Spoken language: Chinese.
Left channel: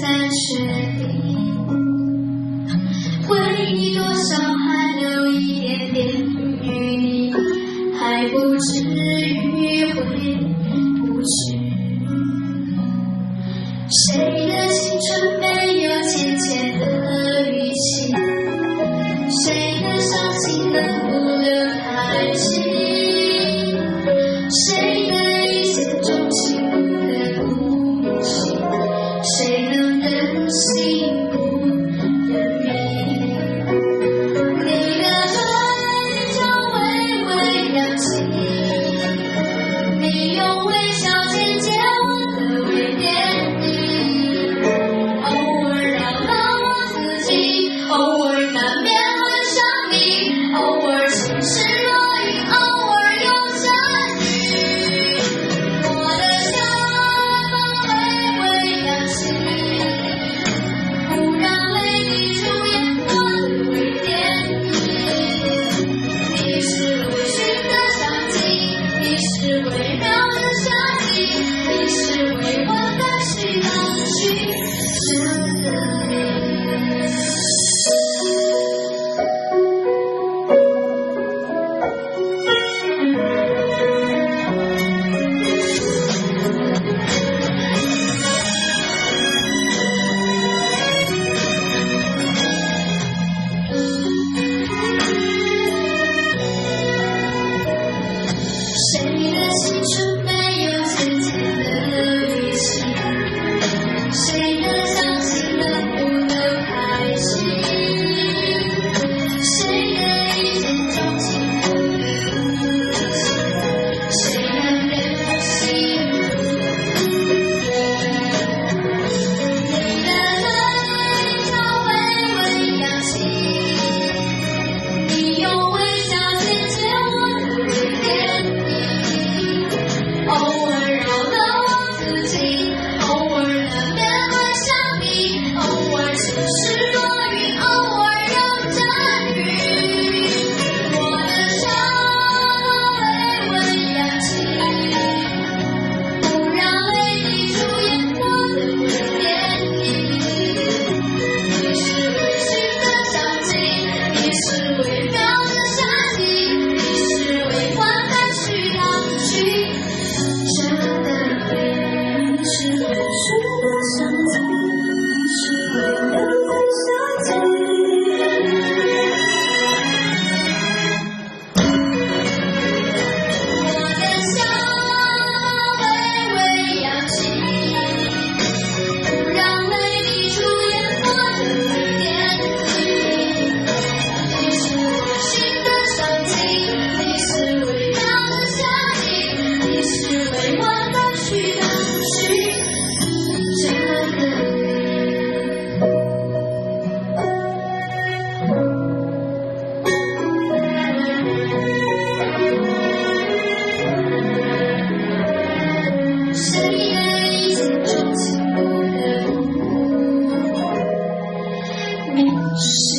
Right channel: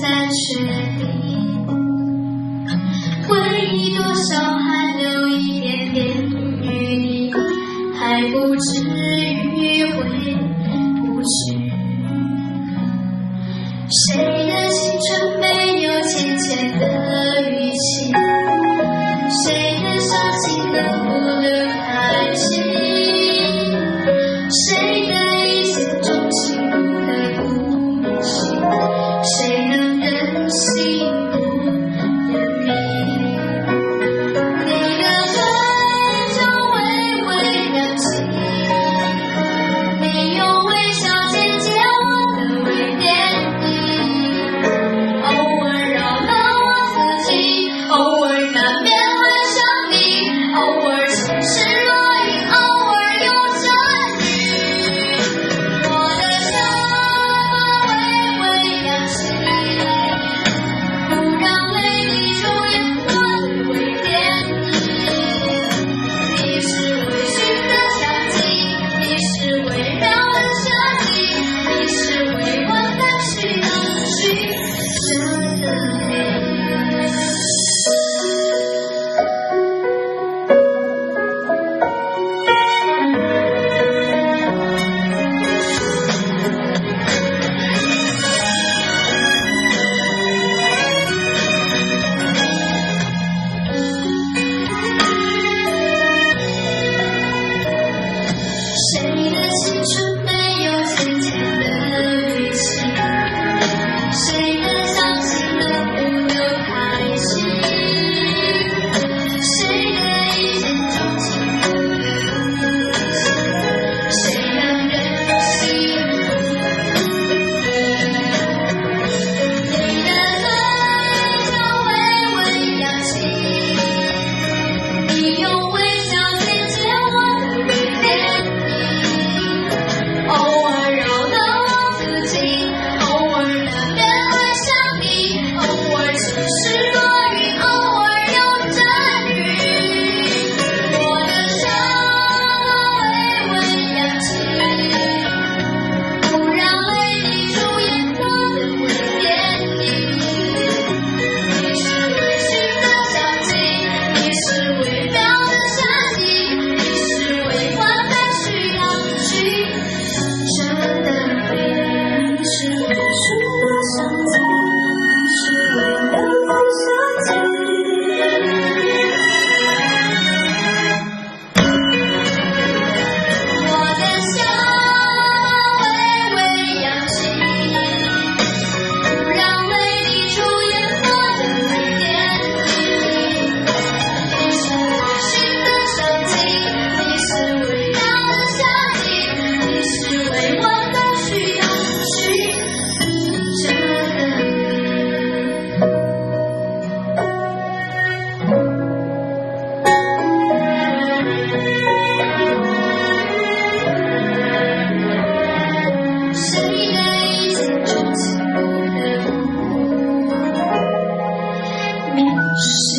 再确定，回忆多少还留一点点余地，还不至于回不去。谁的青春没有浅浅的语气？谁的伤心能不留叹息？谁的一见钟情不得不行？谁能忍心不认命？你的嘴角微微扬起，你用微笑剪接我的微电影，偶尔扰到我自己，偶尔难免会想你，偶尔晴时若隐，偶尔有阵雨。我的笑微微扬起，不让泪滴出眼眶的微电影。你是微醺的香气，你是微妙的设计，你是未完待续的曲折的美。谁的青春没有浅浅的语气？谁的伤心能不留叹息？谁的一见钟情不得不行？谁能忍心不你的嘴角微微扬起，你用微笑剪接我的微电影，偶尔扰到我自己，偶尔难免会想你，偶尔晴时若隐，偶尔有阵雨。我的笑微微扬起，不让泪滴出眼眶的微电影。你是微醺的香气，你是微妙的设计，你是未完待续的曲折的美。你是微醺的香气，你是微妙的设计。我的笑微微扬起，不让泪滴出眼眶的微电影。你是微醺的香气，你是微妙的设计，你是未完待续的曲折的谁的一见钟情不得不面试。